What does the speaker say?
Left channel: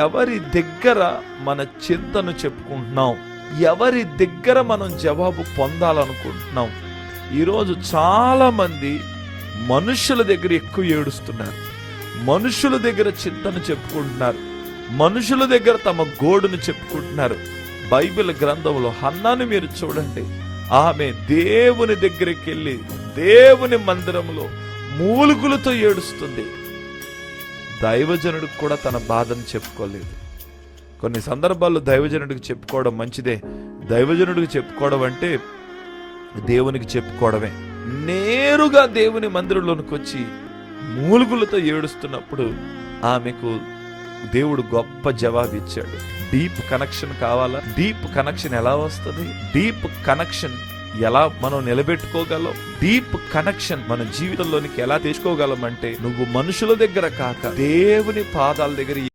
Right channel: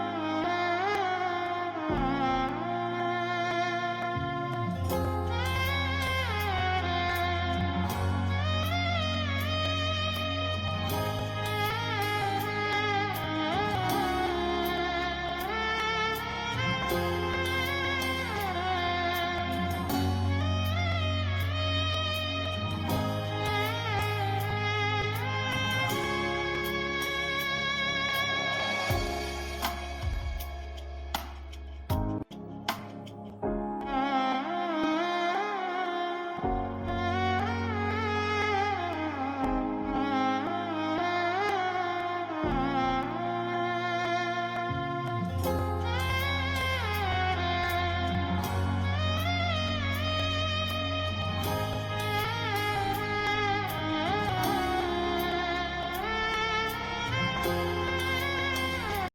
ఎవరి దగ్గర మన చింతను చెప్పుకుంటున్నాం, ఎవరి దగ్గర మనం జవాబు పొందాలనుకుంటున్నాం. ఈరోజు చాలా మంది మనుషుల దగ్గర ఎక్కువ ఏడుస్తున్నారు, మనుషుల దగ్గర చింతను చెప్పుకుంటున్నారు, మనుషుల దగ్గర తమ గోడును చెప్పుకుంటున్నారు. బైబిల్ గ్రంథంలో హన్నాను మీరు చూడండి. ఆమె దేవుని దగ్గరికి వెళ్ళి దేవుని మందిరంలో మూలుగులతో ఏడుస్తుంది. దైవజనుడికి కూడా తన బాధను చెప్పుకోలేదు. కొన్ని సందర్భాల్లో దైవజనుడికి చెప్పుకోవడం మంచిదే. దైవజనుడికి చెప్పుకోవడం అంటే దేవునికి చెప్పుకోవడమే. నేరుగా దేవుని మందిరంలోనికి వచ్చి మూలుగులతో ఏడుస్తున్నప్పుడు ఆమెకు దేవుడు గొప్ప జవాబు ఇచ్చాడు. డీప్ కనెక్షన్ కావాలా? డీప్ కనెక్షన్ ఎలా వస్తుంది? డీప్ కనెక్షన్ ఎలా మనం నిలబెట్టుకోగలం? డీప్ కనెక్షన్ మన జీవితంలోనికి ఎలా తీసుకోగలం అంటే, నువ్వు మనుషుల దగ్గర కాక దేవుని పాదాల దగ్గర